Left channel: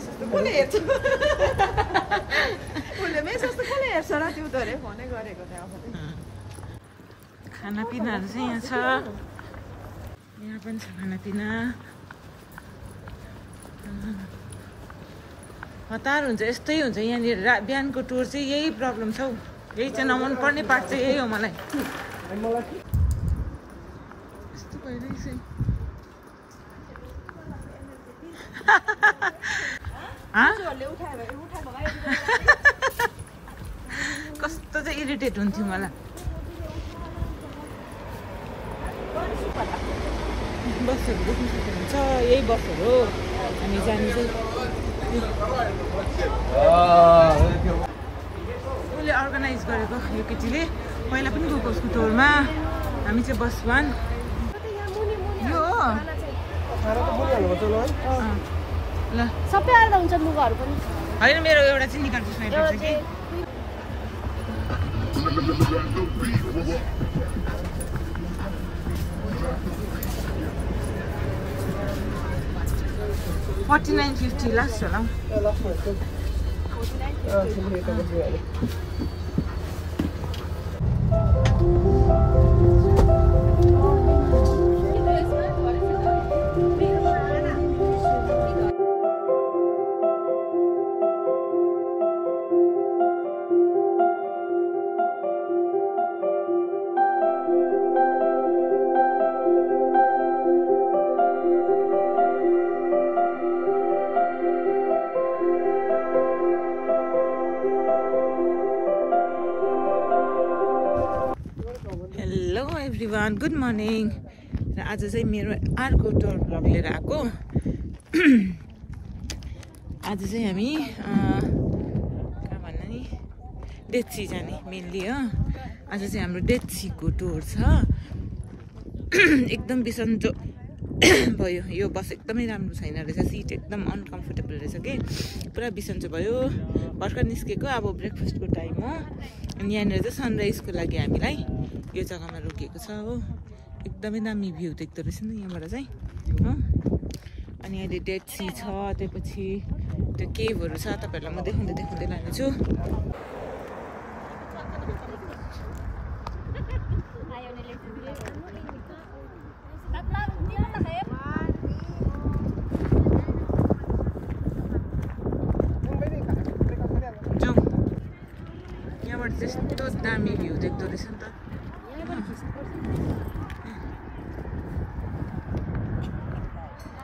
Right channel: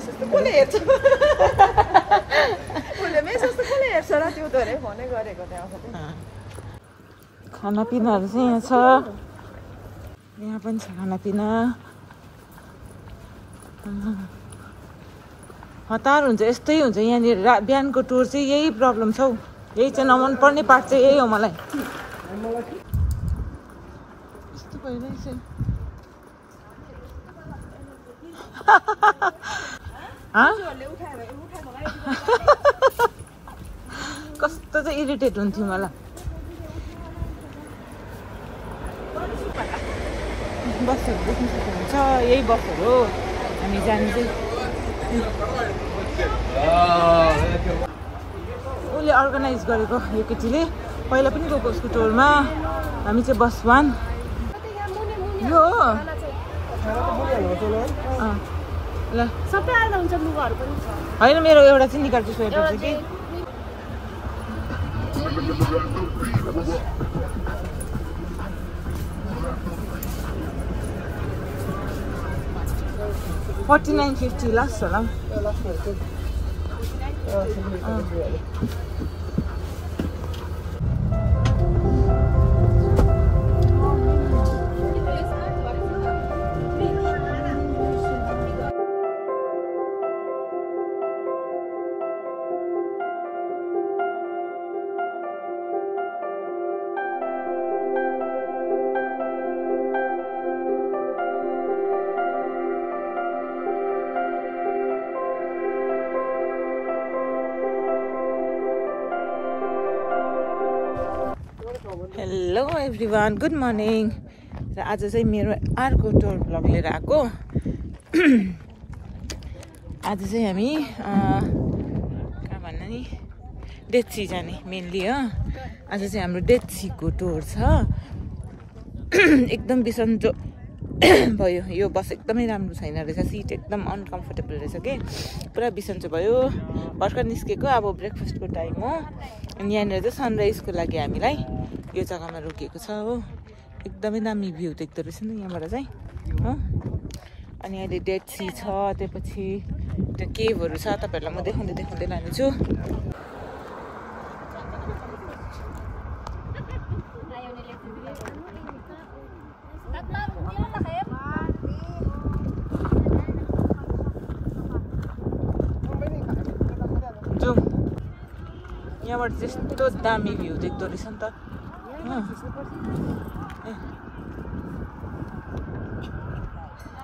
कसले हेर्छ उसले मेसेज त कसले हेर्छ र त्यो धरे फोनै गरेको त्यहाँ खानापिनाहरू चाहिँ यहाँ छ यहाँ पनि छ खानापिना हतार हुन्छ यस्तै हुन्छ यहाँनिर बिहानको टुर चाहिँ यही प्रब्लम छ हौ यही चाहिँ नमन पर्ने पार्ट चाहिँ यही हो मलाई यस्तो भइरहेछ कस्तो चाहिँ इरिटेट हुन्थ्यो मलाई बसहरू देख्नु सक्नुहुन्छ यही बसहरू हो हामी जाने चाहिँ उसले अर्गनाइज गरेको यो केटीले पहिला पनि गएको उसको टुरमा हामी चाहिँ बस 1 यो हो ल सबै आउँदा हुन्छ लुगाहरू पनि होइन मेरो एउटा चाहिँ निकाल्छु स्वेटर चाहिँ के 49.50 last होला हेलो एभ्रिवान गुड मर्निङ र आज चाहिँ मेरो अर्को टुर भ्लग लिएर आएको आज चाहिँ हामी कहाँ भन्नु नि डेथ सी जाने मेनली हो आज चाहिँ हाम्रो डेथ सीको टुर छ एकदम बिसन्चो भयो यो बस एकदमै राम्रो छैन रहेछ सिट एकदम अनकम्फर्टेबल रहेछ कि पुरा बिसन्चो भयो भर्खर निस्केको अब ब्रेकफास्टको टाइम हो अनि यहाँनिर चाहिँ सनराइजको लागि हामीलाई यो जग्गामा रोकिएको छ हो एकदमै दामी भ्यू देख्दो रहेछ नि यहाँबाट चाहिँ हो अनि अहिले डेड सी छ त्यसपछि त्यो केभहरू छ तपाईँहरूलाई म देखाउँदै लानेछु जाउँ यहाँबाट त्यस्तो दामी भ्यू देख्दो रहेछ नि त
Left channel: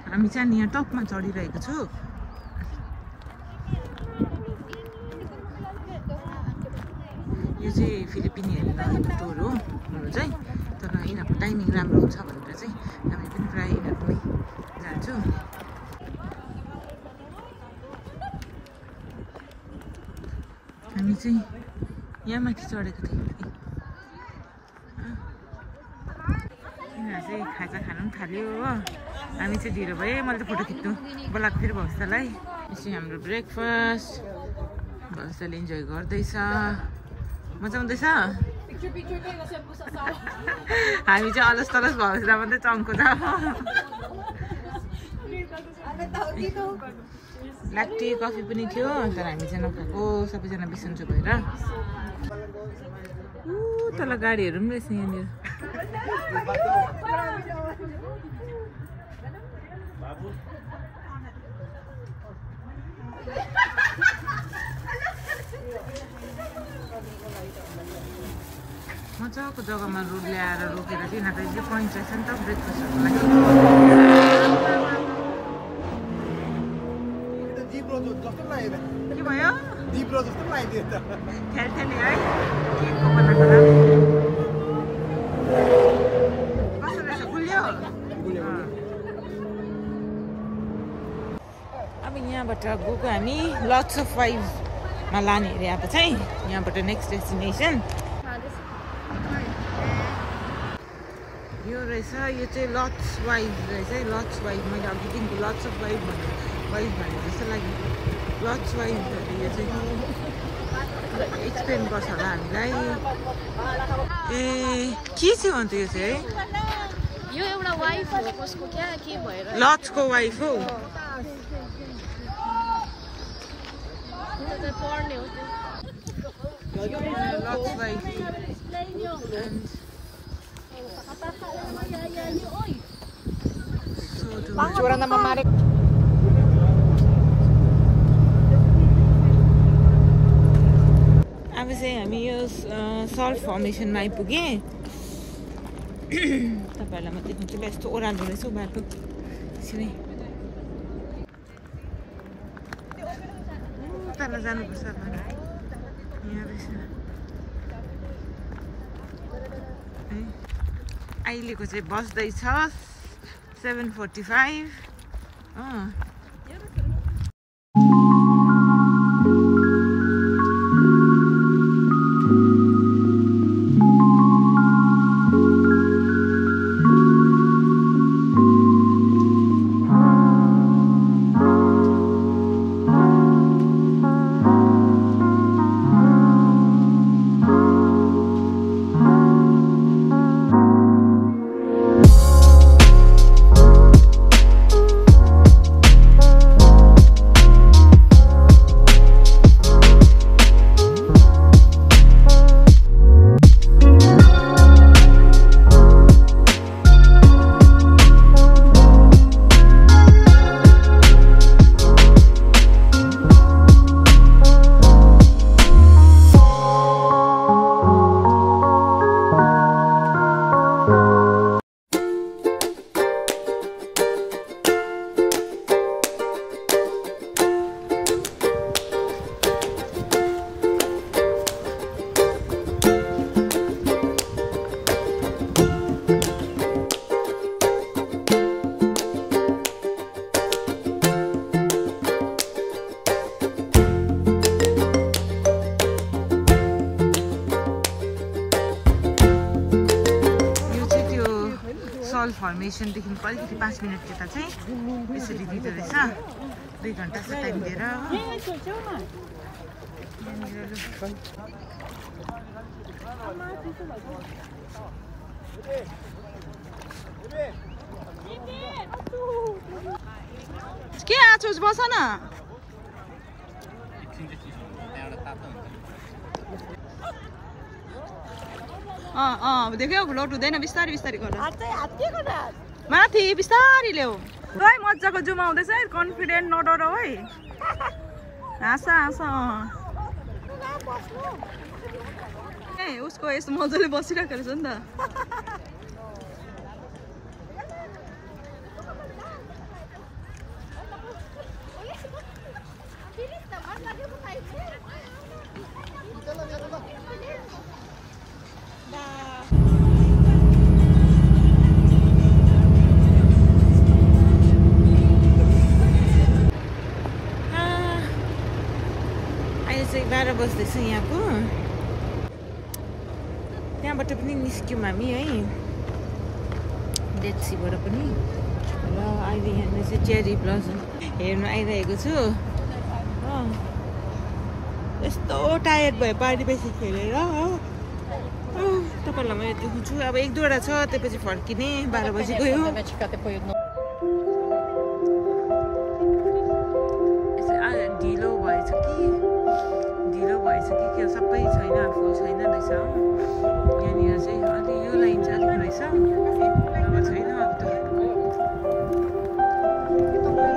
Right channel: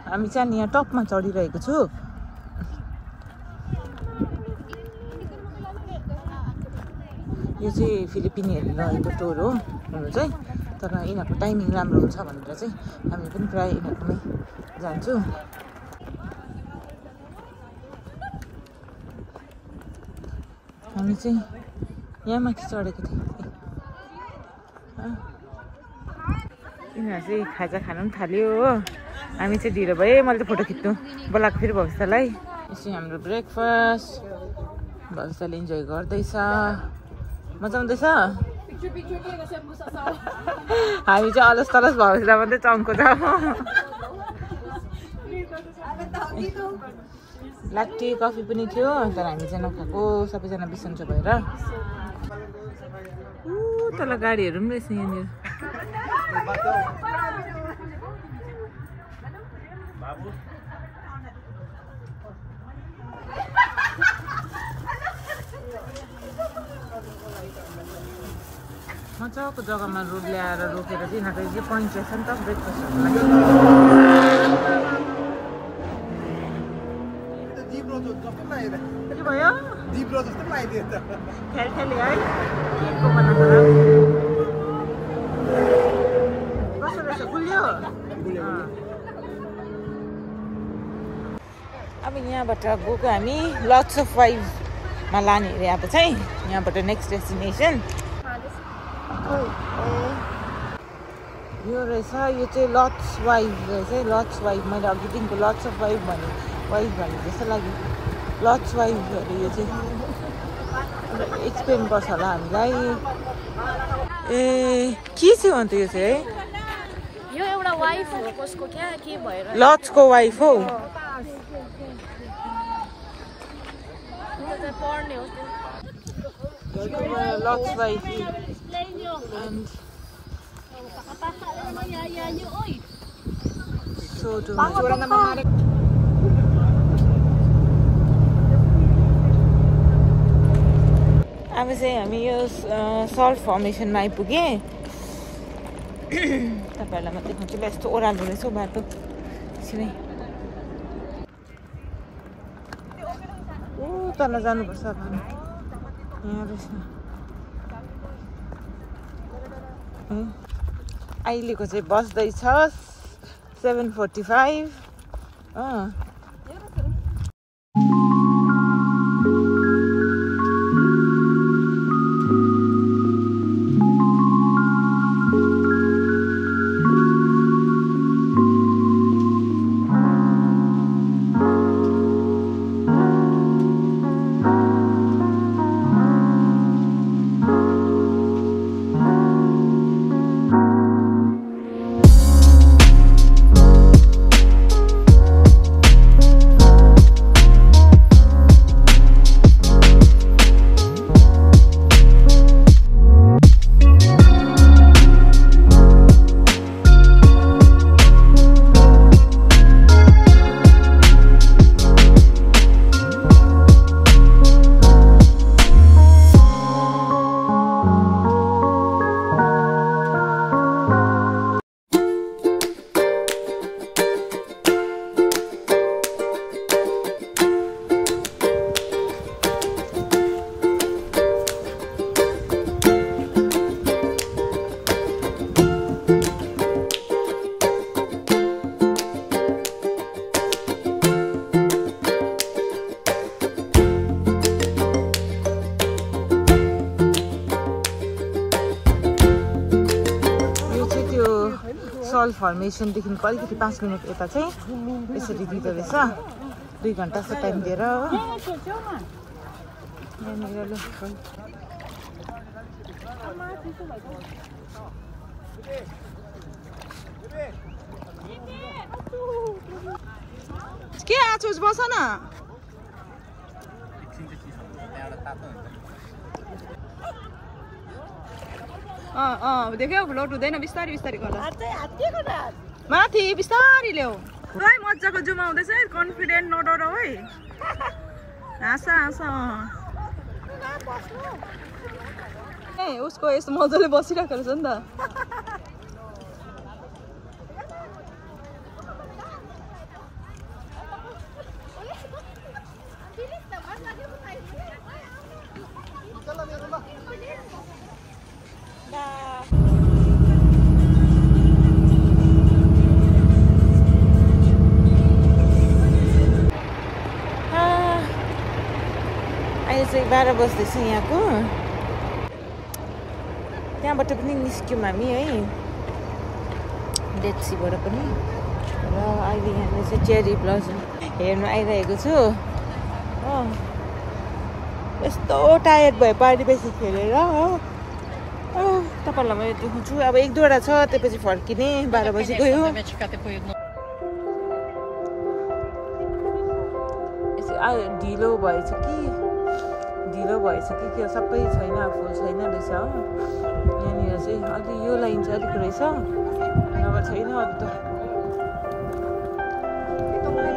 हामी चाहिँ यहाँ टपमा चढिरहेको छु यो चाहिँ फिलिपिनीहरू रहेको टुर हो हुनु चाहिँ तर यिनीहरूको टाइमिङ राम्रो हुन्छ भनेर चाहिँ हामी पनि प्रायः यिनीहरूकोमै जान्छु हामी चाहिँ यहाँ माथि चढेको थियौँ यिनीहरू चाहिँ खाजा खानु पनि थाल्यो हो हामी चाहिँ ढिलो भयो मैले त फोटो खिच्नु बोलाएको फेरि भविष्यलाई यसै हाम्रो ब्रेकफास्ट भविष्यले इन्जोय गर्दैछ मजा आउँदैछ हामी चाहिँ अलस तलस भविष्य मात्रै चङ्को छ लाट्टी कफी पनि थियो तर हामी चाहिँ नखाएको सबैजना बिसन्चो भएर तल गाडीहरू पनि रहेछ यहाँनिर मजाको जग्गामा रोड ल्याएर रोकेर चाहिँ यिनीहरूको यो पोइन्ट रहेछ नि त ब्रेकफास्टहरूको लागि के भयो ख्याली है केकको बनाएको कस्तो रहेछ गुलियो अब यहाँबाट गएको हामी लट्स अफ वाइभमा लाने अरे अब चाहिँ यहाँबाट नेक्स्ट डेस्टिनेसन यो रहेछ यो चाहिँ लट्स वाइभ रहेछ लट्स वाइभ मैले अघिदेखिको लट्स अफ वाइभ भने जस्तो लाग्यो लट्स वाइभहरू यो चाहिँ एक्सप्लेन गर्छ होला हामीलाई ए के चाहिँ हो अन्त यो चाहिँ है लट्सको वाइफ हौ lots by and so too much. अब चाहिँ हामी यो सल्ट फर्मेसनमा आइपुगे तपाईहरुलाई म देखाउँछु ल यस्तो ओह्रालो रहेछ बाटो सिधै तल जानुपर्छ हामी यहाँ रहेछ अहिलेको चाहिँ बस्दैछ 7:45 फर्मेसनदेखिको अलिकति 5 मिनट यता चाहिँ यसरी दिँदो रहेछ 2 घण्टाको टाइम दिएर हो के आछोज बस न देख्यौ फ्लोट हुँदैन बिस्तारी बिस्तारी गर माथि बिस्तारी ल्याऊ है मजाको जुम आउँदैछ है कन्फिडेन्ट नडराउ है हाँस हाँस ए उसको यस्तो मजाले बसिरहेको रहेछ नि त चाहिँ 12 बज्दैछ यहाँको त्यहाँबाट पनि निस्क्यौँ हामी है डेड सीबाट पनि र अहिले यहाँनिर चाहिँ चेरी ब्लसम हेर्नु आइरहेको छु हो यस्तो टायर्ड भयो पारी बेसी खेलेर हो तपाईँहरूलाई मैले देखाउँछु अब 1-2 वटा छ त्यसपछि फर्किने 12 बजी गयो ढिलो भएछ कि के सबै छैन फुल छैन रहेछ हो यहाँनिर चाहिँ अलि यो लाइन चाहिँ अलिक रहेछ नभए छैन अरू त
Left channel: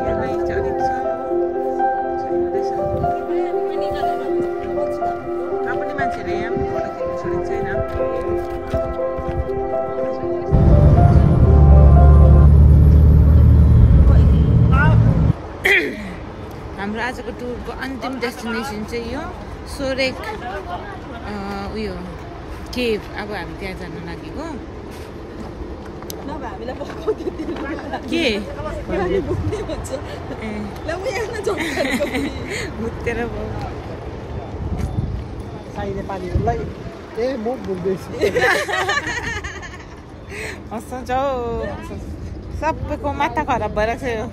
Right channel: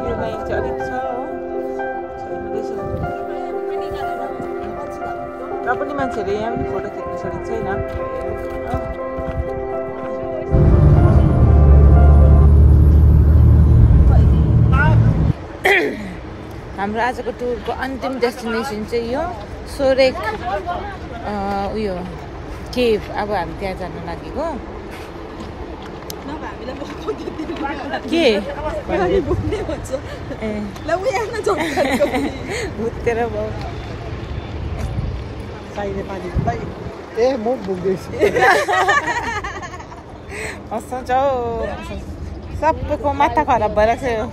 यो लाइन चाहिँ अलिक छ हो पनि मान्छेहरूले यहाँ पनि फोटो खिच्नु छोडेको छैन हाम्रो आजको टुरको अन्तिम डेस्टिनेसन चाहिँ यो सोरेक उयो केभ अब हामी त्यहाँ जान लागेको के हुत्तेर भयो हँसाउँछ हौ सबैको माथा खराब भइरहेको छ यो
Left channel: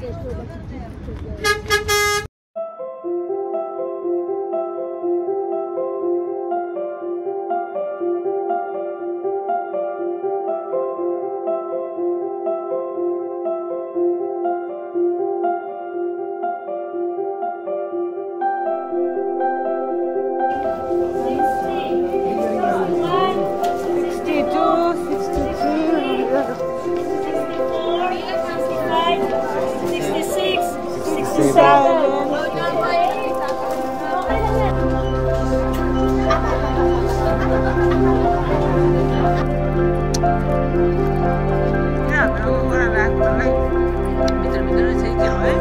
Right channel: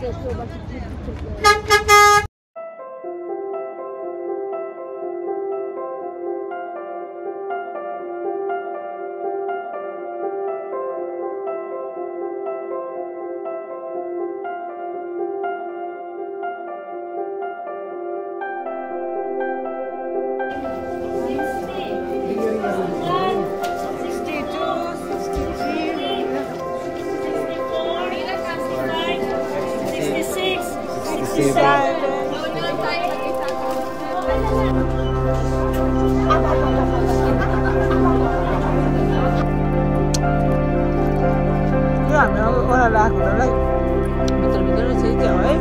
हाम्रो ओह्रालो आएकोलाई भित्र रहेछ क्या हो है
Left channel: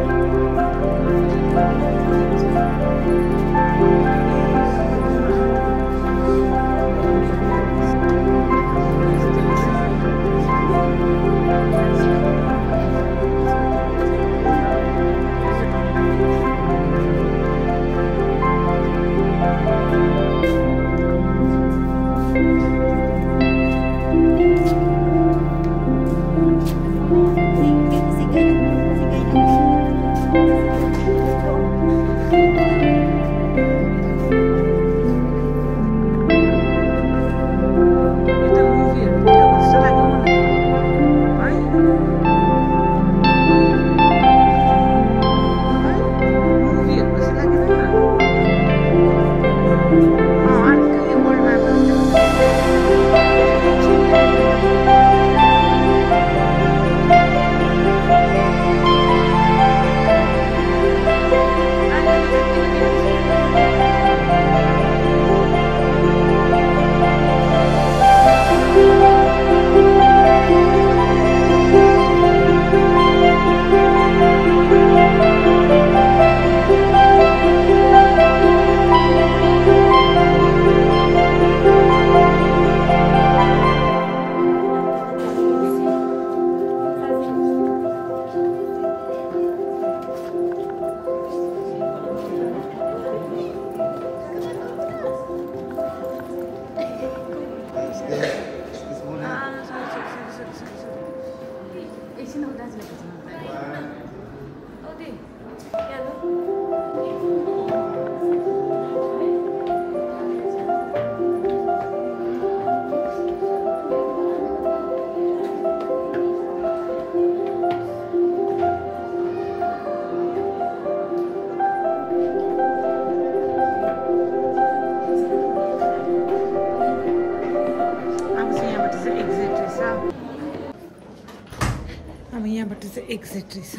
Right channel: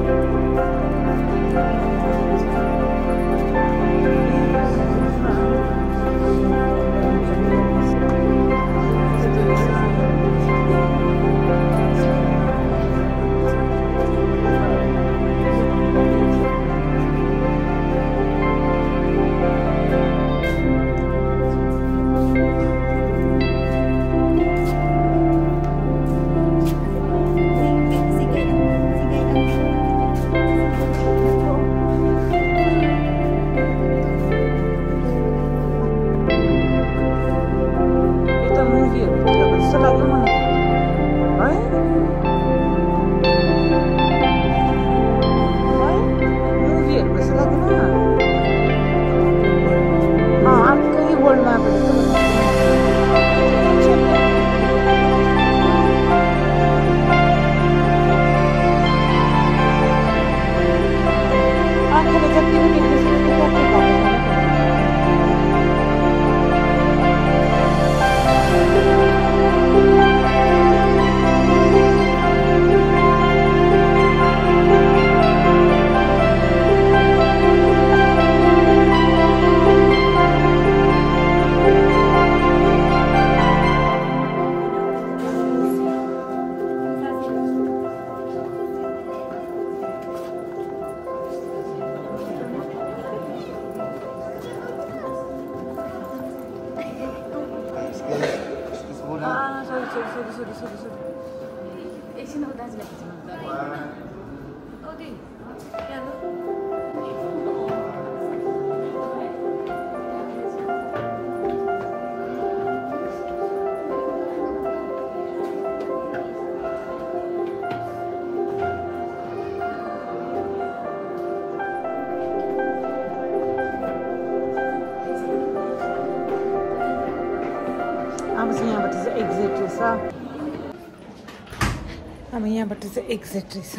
अब यहाँबाट चाहिँ एक्जिट रहेछ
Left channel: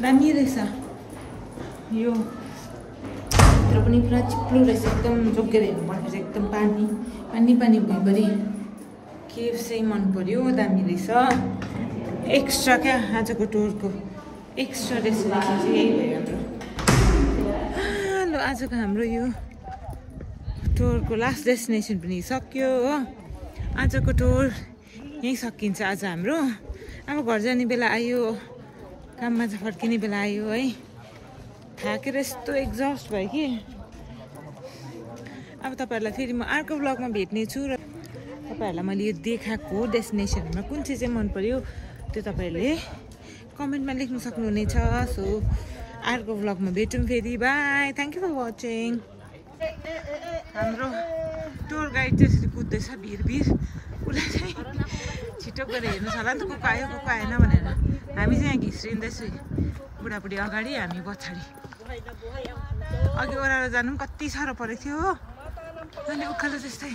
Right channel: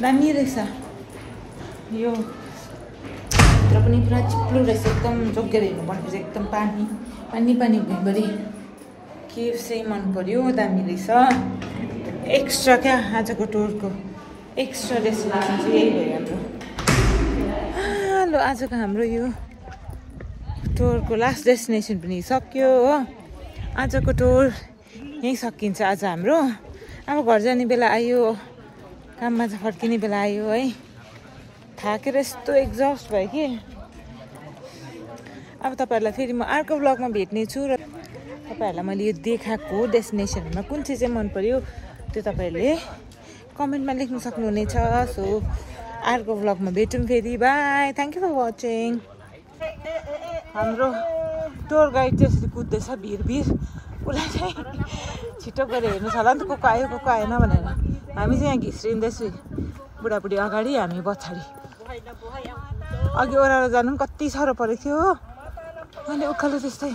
दामी रहेछ यो भित्र पनि पुरा चिप्लो रहेछ एकदम जोगेर हेर्नुपर्ने चाहिँ एकदम पानी पानी पानी भइभरि के चाहिँ मन पर्यो दामी रहेछ एक्स्ट्रा क्या आजको टुरको एक्स्ट्रा डेस्टिनेसन चाहिँ यही भयो हाम्रो ल आजको हाम्रो यो टुरको लास्ट डेस्टिनेसन पनि सक्यो हो आजको टुर यहीँ सकिन्छ आज हाम्रो अब घर जाने बेला आयो काममा चाहिँ फर्किने बेला आयो है थाकेर यस्तो एक्जस्ट भयो कि अब तपाईँहरूलाई फेरि म अर्को ब्लगमा भेट्ने छु र तपाईँहरूलाई मैले यो देखाएको डेस्टिनेसनहरूमा कुन चाहिँ मन पर्यो त्यो तपाईँहरूले कमेन्टमा लेख्न सक्नुहुनेछ सो अर्को ब्लगमा भेटौँ फेरि bye thank you for watching हाम्रो टुर गाइड त्यसरी कुद्दैछ भिर उसलाई चाहिँ छिटो गएर हेर्नुहोस् होला नि त को आयो को आएन भनेर हामी चाहिँ यहाँ घिस्रिँदैछु बुढाबुढी अगाडि हामी पछाडि अघि ओह्रालो जानु पनि कति साह्रो परेको थियो हो अनि उकालो त्यस्तै